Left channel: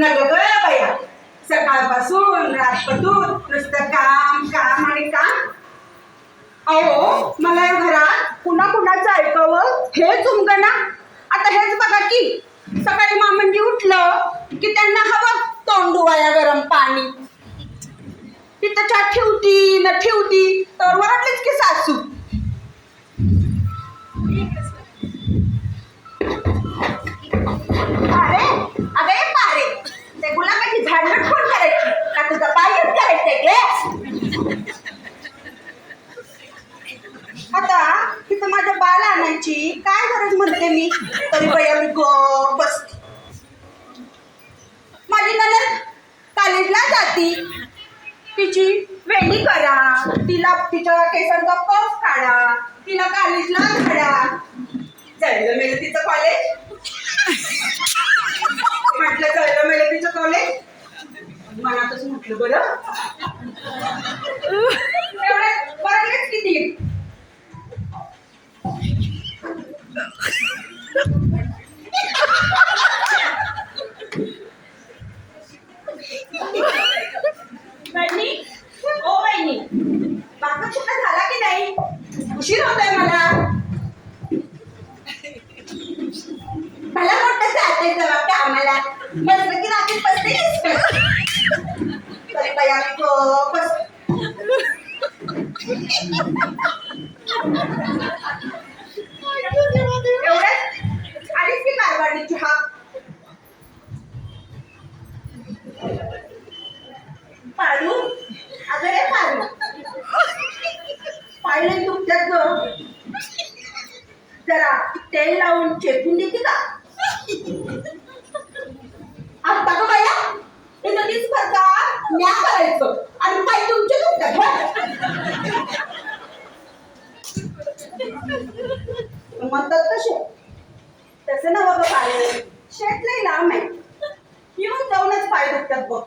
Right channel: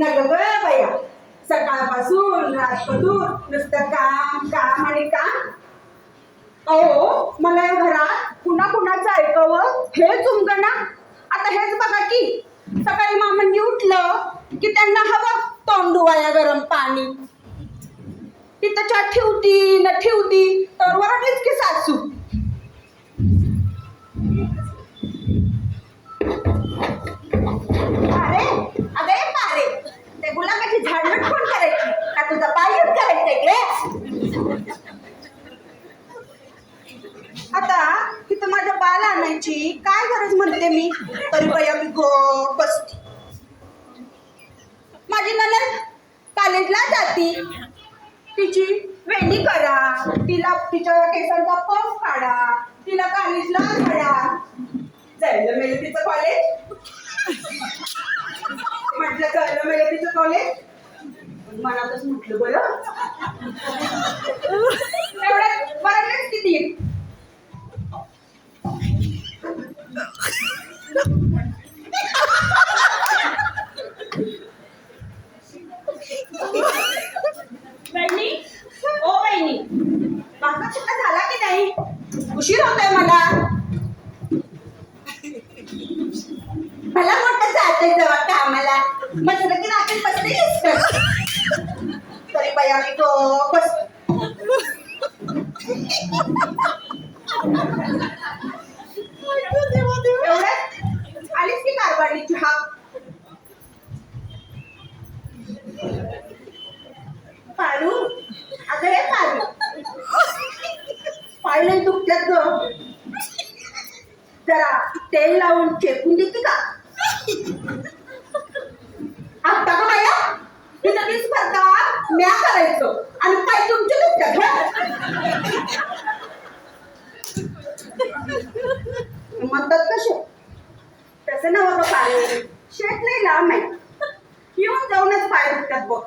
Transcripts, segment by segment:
नग ग बाया, सकाळपासून रातपासून नुसतं काम काम आणि काम. अहो मला या घरात पुन्हा कुणाचं ऐकावं हेच उमगना. आता हेच बघा की सकाळी मामांनी उठलं की त्यांना हवं तोंड धुवाया गरम पाणी. तिथं चहा ठेवती न ठेवती तर वरडलीच की सासू. अरे अगं ये पारे, ते गुलाबाची झाडझूड कोण करायची का तुझा पायच करायचंय गे? आता तिथं माझ्या बाल आणायची काय गरज म्हणते मी, तरी बया मी गप बसते. माझी नणंद कॉलेजला जाती, तिची वेणी करा, तिला तिच्या केसांचा पफ काढा, तिला कॉलेजला घाला. जायला मेलं तिचं कॉलेज. म्हटलं जायला मेलं तिचं कॉलेज, मनातच म्हटलं बरं एवढे बरंच किती. वहिनी ओ वहिनी, बाका कुठं झाला की नाही? उशीर होतोय मला. मला मोठं जायचंय जवळ कामाला, मस्त की रात्री बसते तरी बाया मी तो बस. एवढ्यात आलीच की कारभारली चहा. पाडू अगं रे पाडू, पाहिलं दुखत्यात ग, जरा तेल लावून चेपून देते का? आता का बाया इथं मीच भरता म्या करायचं आणि पाय तुमचे दुखत्यात म्हणतात कसे तसं नवं का पाय, शेत नाही लांब आहे, येऊन जाऊनच पाय दुखतात बघ.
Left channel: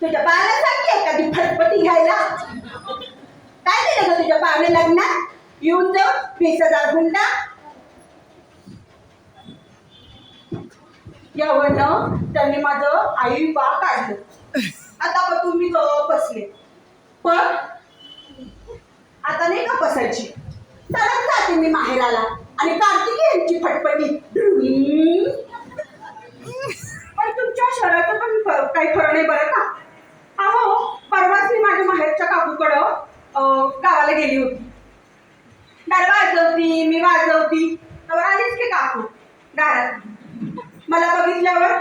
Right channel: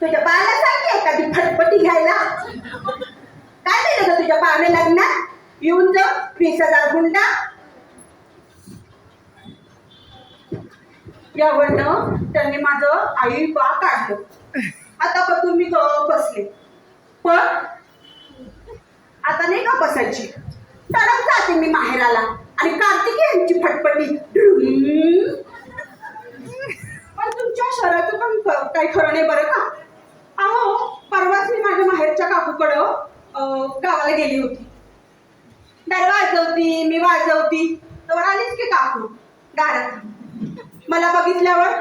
तुझ्या बाळाला सांगते एखादी फटफटी घ्यायला. काय दिलं ग तुझ्या बाळाने लग्नात? येऊन जाऊन 20,000 गुंडा. यावरनं त्यांनी माझं आई बा काढलं. आता पण तुम्ही बसले, पण आता नाही का बसायची, तरच जाते मी माहेराला आणि कार्तिकेयांची फटफटी. पण तुमच्या शहराचं पण काही खरं नाही बरं का. अहो परवाच मी माझ्या माहेरच्या काकूकडं गावाला गेली होती. दार वाजवती मी वाजवती तर आलीच की काकू दारात. मला बघितल्यावर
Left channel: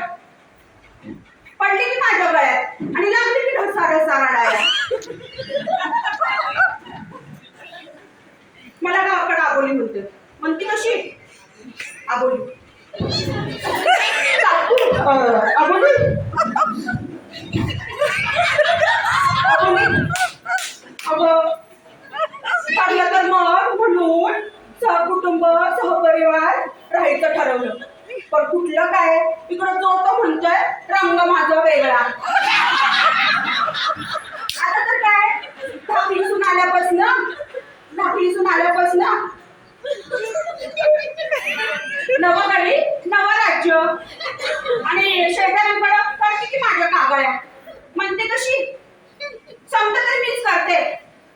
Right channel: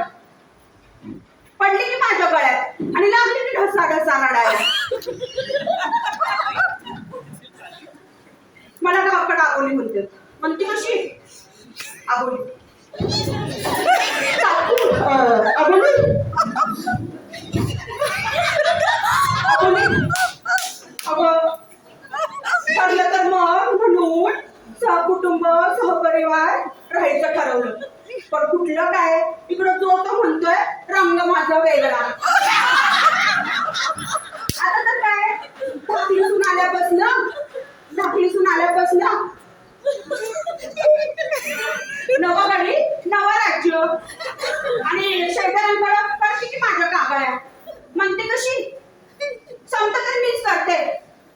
पडली की माझ्या गळ्यात आणि लागली की ढसा ढसा रडायला. मला गावाकडे आबोली म्हणते. म्हणती कशी आबोली? काकू आबोली अगं ठरलं तर मग म्हणून सहकुटुंब सहपरिवार राहायचं ठरवलं. पण कुठलं काय इकडं जो तो म्हणतोय रंग माझा वेगळा. आता तर काय धाकलीसून आल्यापासून नवं गडी नवं राज्य आणि शेजाऱ्यांकडं करते की माझ्या कागाळ्या. म्हणते कशी समजा तर मीच करते,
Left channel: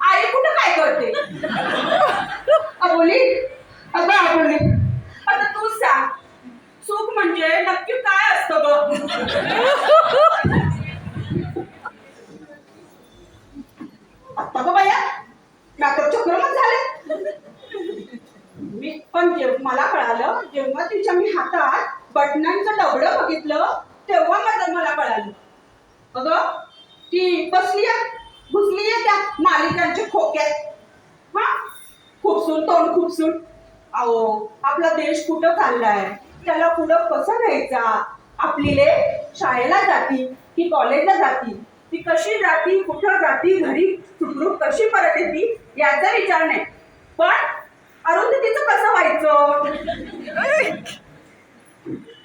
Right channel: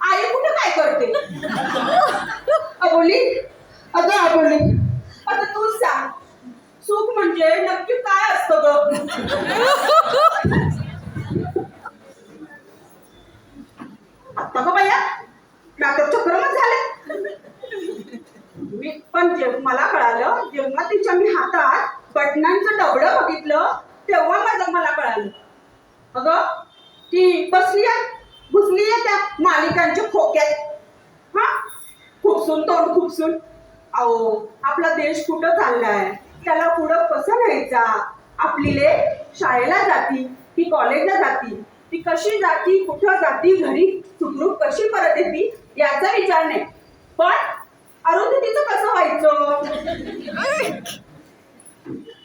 आई कुठं काय करते? अबोली अगं अबोली, आता तूच सांग सुख म्हणजे नक्की काय असतं ग? आता ग बाया नाटक चक्रमच झाले. पण मला कळालं जेव्हा तिच्या मी हातात बटनांचं डबडं बघितलं तेव्हा मला कळालं. अगं ती बसली घुसली त्या मालिकांच्या खोक्यात. हा खुपसून तोंड खुपसून. अहो आपला देश कुठं चाललाय, त्याला पुढं कसं न्यायचा? आपली ले शाळेला जाती की कॉलेजला जाती, ती कशी जाती कुठं जाती, घरी सुखरूप कशी परत येते याचा विचार नाही. पण अरुंधतीचं कसं व्हायचं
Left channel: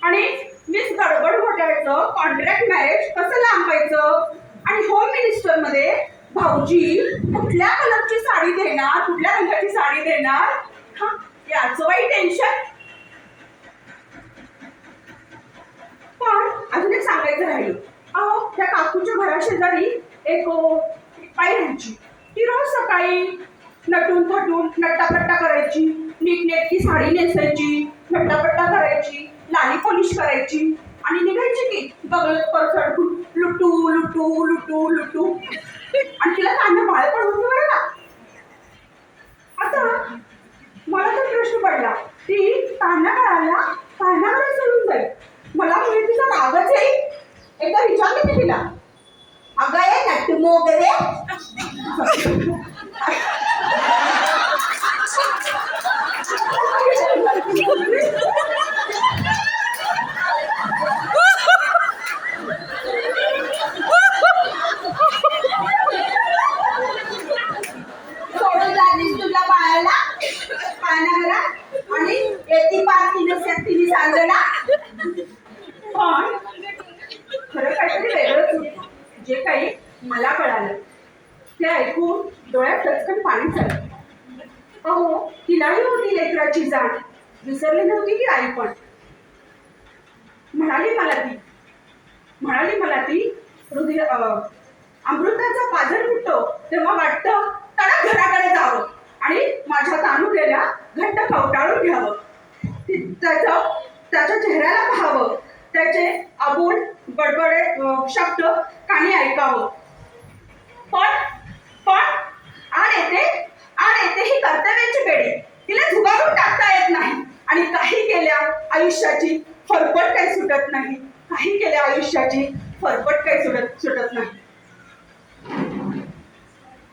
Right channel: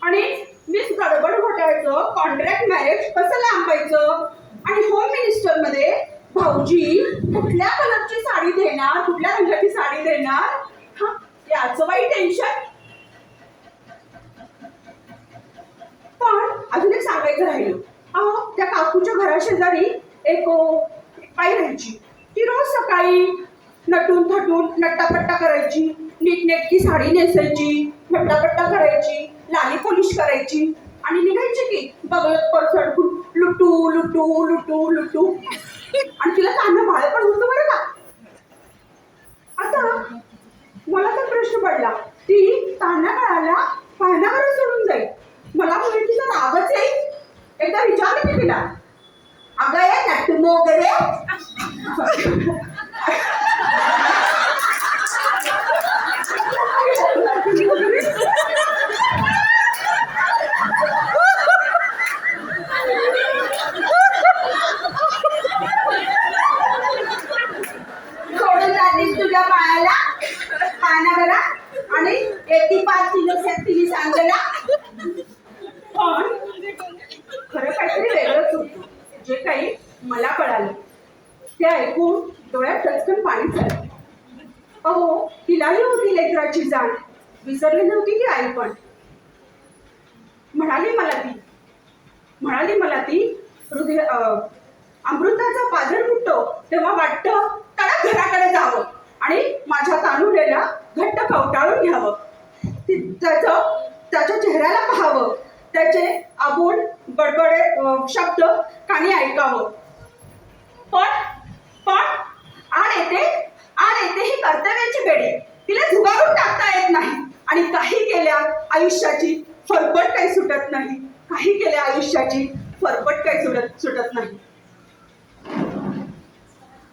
आणि मिस गडबड घोटाळ्याचं कॉन्ट्रॅक्ट मॅरेज कसं लांबायचं आणि होम मिनिस्टर मध्ये भाऊजी कुठल्या कलरची साडी देणार, कुठल्या रंगाची साडी देणार, याचं वाईट टेन्शन. पण अजून एक सांगायचं राहिलं. अहो त्या काकूच्या घराशेजारी एक बाई राहायची. ती रोज सकाळी नटून थटून नट्टापट्टा करायची, नीटनेटकी साडी नेसायची, नट्टापट्टा करायची, लाली पॉलिश करायची आणि निघायची की बघत परसड लुटू लुटू लुटू लुटू. आणि तिला कांदा बाळ पण होतं बरं का. आता मला तर प्रश्न पडला, ती तान्हा काळाला पाहण्याकडे सोडून जाईल. मला म्हणजे तिचा रागच येईल. एकदा विचारलं मी तिला, अगं ये नट्टू मोगरे. सोडून जातीस तुझ्या बाळाला पाण्यावर आणि येती पाच किलो तिने सांगला. पण खरं काहीतरी वेगळंच होतं. जे काही मला कळालं ते ऐकून डोळ्यात टचकन पाणी झालं. अहो तिलाही होती लेकराची जाण, विसरली नव्हती ती आई पण. म्हणाली मला ती हृदय अमृताचा पाझर फुटतो तेव्हा वाटतं तडक घराकडे जावं आणि माझ्या तानुलेल्या घट्ट कवटाळून घ्यावं. त्याच्या चेहऱ्याला पाहावं, त्याचे अबोल बडबडे शब्द कानी ऐकावं. पण आड येते ही कर्तव्याची बेडी. तिला झुगारून टाकता येत नाही आणि काही केल्या आयुष्याची फरफट काही सुटत नाही.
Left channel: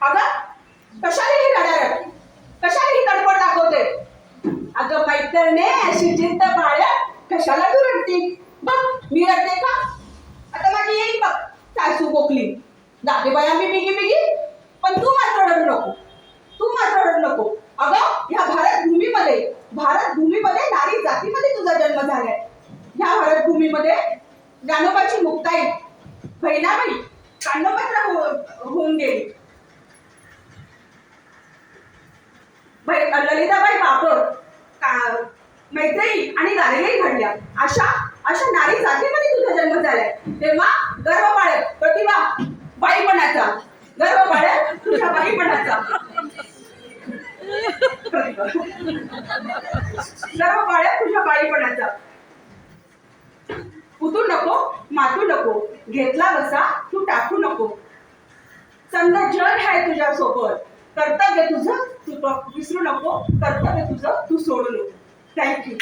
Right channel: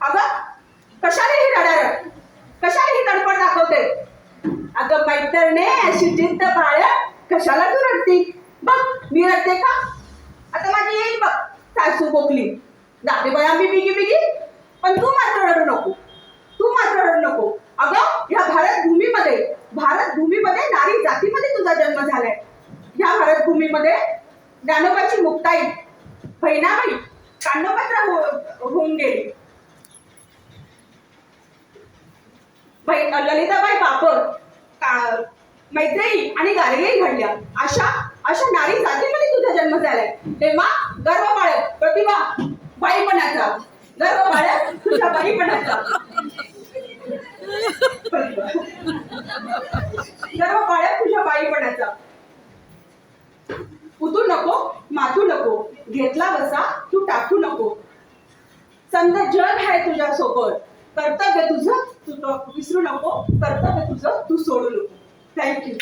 अगं कशाला ही रडारड, कशाला ही तडफड दाखवते. अगं मैत्रिणे अशी जिद्द बाळ, कशाला तू रडती. बघ मी रडते का. आता माझी येईल बघ सासू बोकली, जाते बाया मी बिगी. पण तू मात्र रडू नको. अगं ह्या भारत भूमीमध्ये नारी जातीमध्ये तुझा जन्म झालाय. ह्या भारत भूमीमध्ये ज्ञानोबाची मुक्ताई बहिणाबाई कांडोपत्र होऊन गेली. ललिताबाई बापर मैत्रेयी आणि गार्गेही घडल्या. अशा नारी जातीमध्ये तुझा जन्म झालाय. तेव्हा गर्व बाळग प्रतिभा बाईपणाचा, गर्व बाळग तुझ्या बाईपणाचा. गर्व बाळग तुझ्या बाईपणाचा. उतू नको, मातू नको, घेतला बसा तू टाकू नको. समजा जग आहे तुझ्या सोबत. कर्तव्य तुझं तू विसरू नको, कर्तव्य तुझं तू सोडू नको. थँक्यू.